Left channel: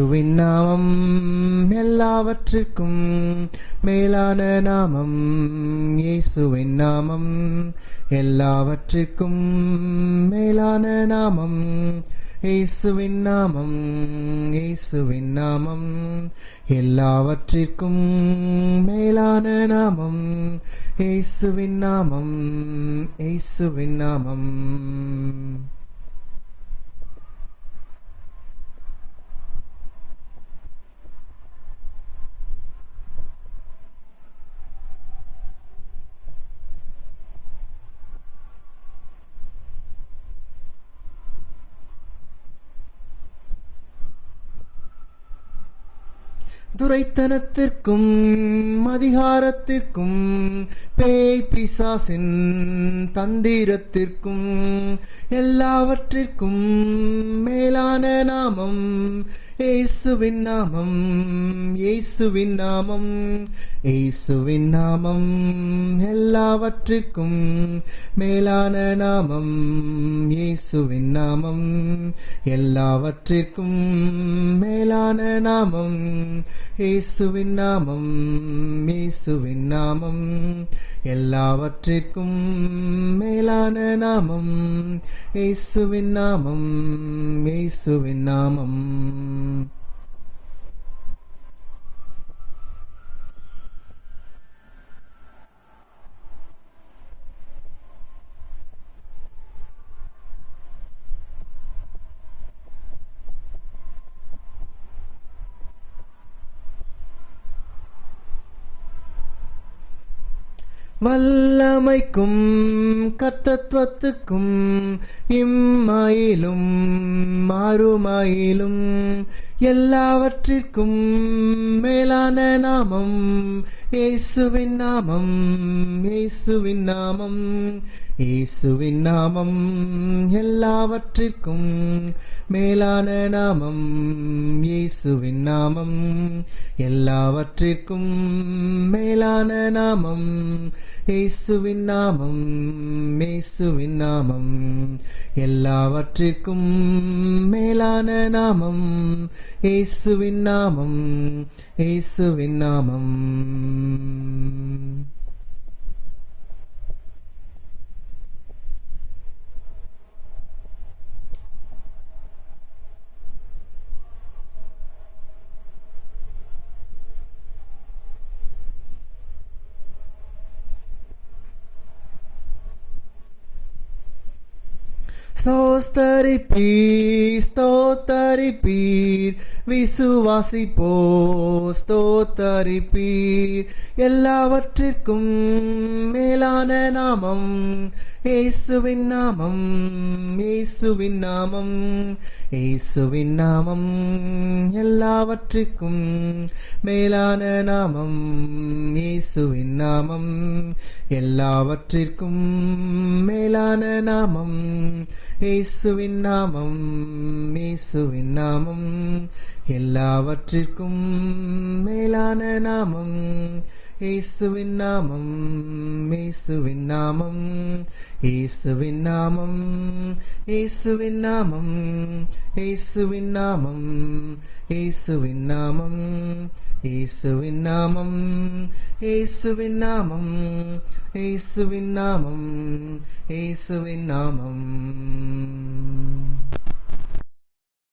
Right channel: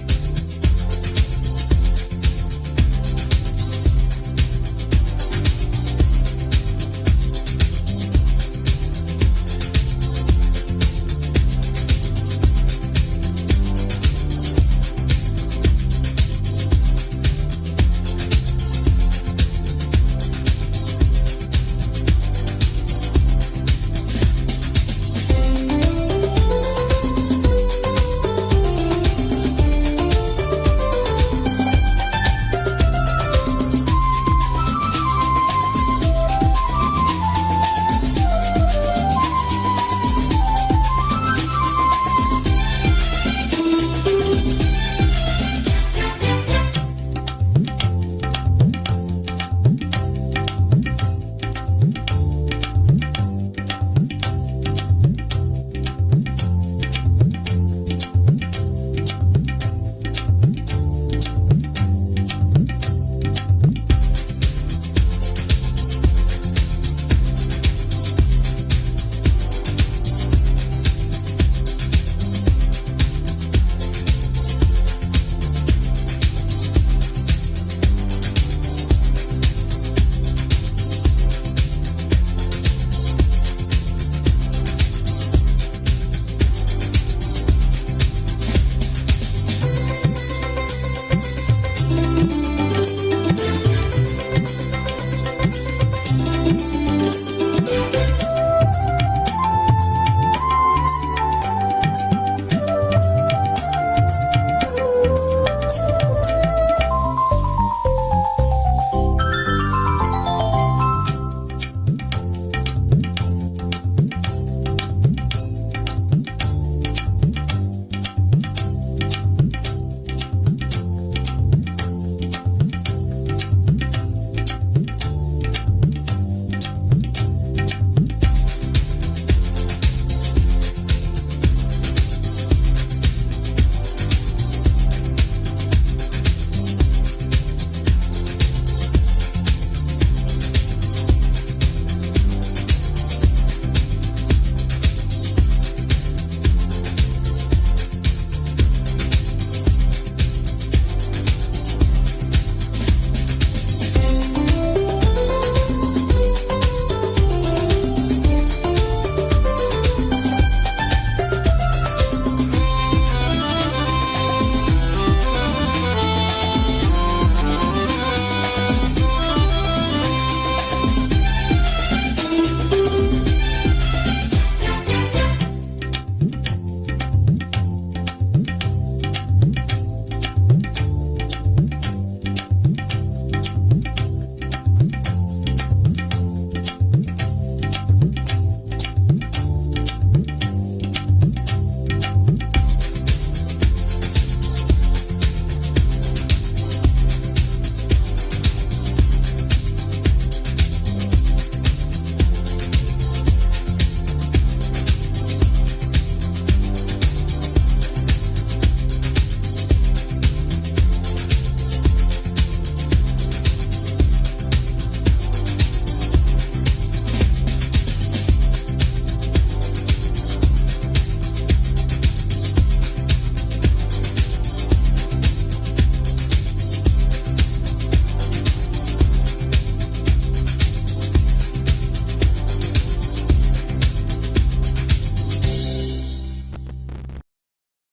இயேசுவின் நாமம் எல்லாவற்றுக்கும் மேலான நாமம். இயேசுவின் நாமம் எல்லாவற்றுக்கும் மேலான நாமம். இயேசுவின் நாமம், இயேசுவின் நாமம் எல்லாவற்றிற்கும் மேலான நாமம். இயேசுவின் நாமம், இயேசுவின் நாமம். துரைத்தனத்திற்கும் அதிகாரத்திற்கும் பேய் பிசாசின் தந்திரத்திற்கும் எல்லாவற்றிற்கும் மேலான நாமம். இயேசுவின் நாமம், இயேசுவின் நாமம், இயேசுவின் நாமம் எல்லாவற்றிற்கும் மேலான நாமம். இயேசுவின் நாமம் எல்லாவற்றிற்கும் மேலான நாமம். இயேசுவின் நாமம், இயேசுவின் நாமம் எல்லாவற்றிற்கும் மேலான நாமம். இயேசுவின் நாமம், இயேசுவின் நாமம். வல்லமைக்கும் கர்த்தத்துவத்துக்கும் இம்மாயிலும் மாறுமாயிலும் எல்லாவற்றிற்கும் மேலான நாமம். இயேசுவின் நாமம், இயேசுவின் நாமம், இயேசுவின் நாமம் எல்லாவற்றிற்கும் மேலான நாமம். இயேசுவின் நாமம் எல்லாவற்றிற்கும் மேலான நாமம். இயேசுவின் நாமம், இயேசுவின் நாமம் எல்லாவற்றிற்கும் மேலான நாமம். இயேசுவின் நாமம், இயேசுவின் நாமம். ஸ்தோத்தரிப்பீர், ஸ்தோத்தரிப்பீர், விசுவாசிப்போர் ஸ்தோத்தரிப்பீர் எல்லாவற்றிற்கும் மேலான நாமம். இயேசுவின் நாமம், இயேசுவின் நாமம், இயேசுவின் நாமம் எல்லாவற்றிற்கும் மேலான நாமம். இயேசுவின் நாமம் எல்லாவற்றிற்கும் மேலான நாமம். இயேசுவின் நாமம், இயேசுவின் நாமம் எல்லாவற்றிற்கும் மேலான நாமம். இயேசுவின் நாமம், இயேசுவின் நாமம், இயேசுவின் நாமம், இயேசுவின் நாமம், இயேசுவின் நாமம், இயேசுவின் நாமம், இயேசுவின் நாமம், இயேசுவின் நாமம், இயேசுவின் நாமம், இயேசுவின் நாமம்.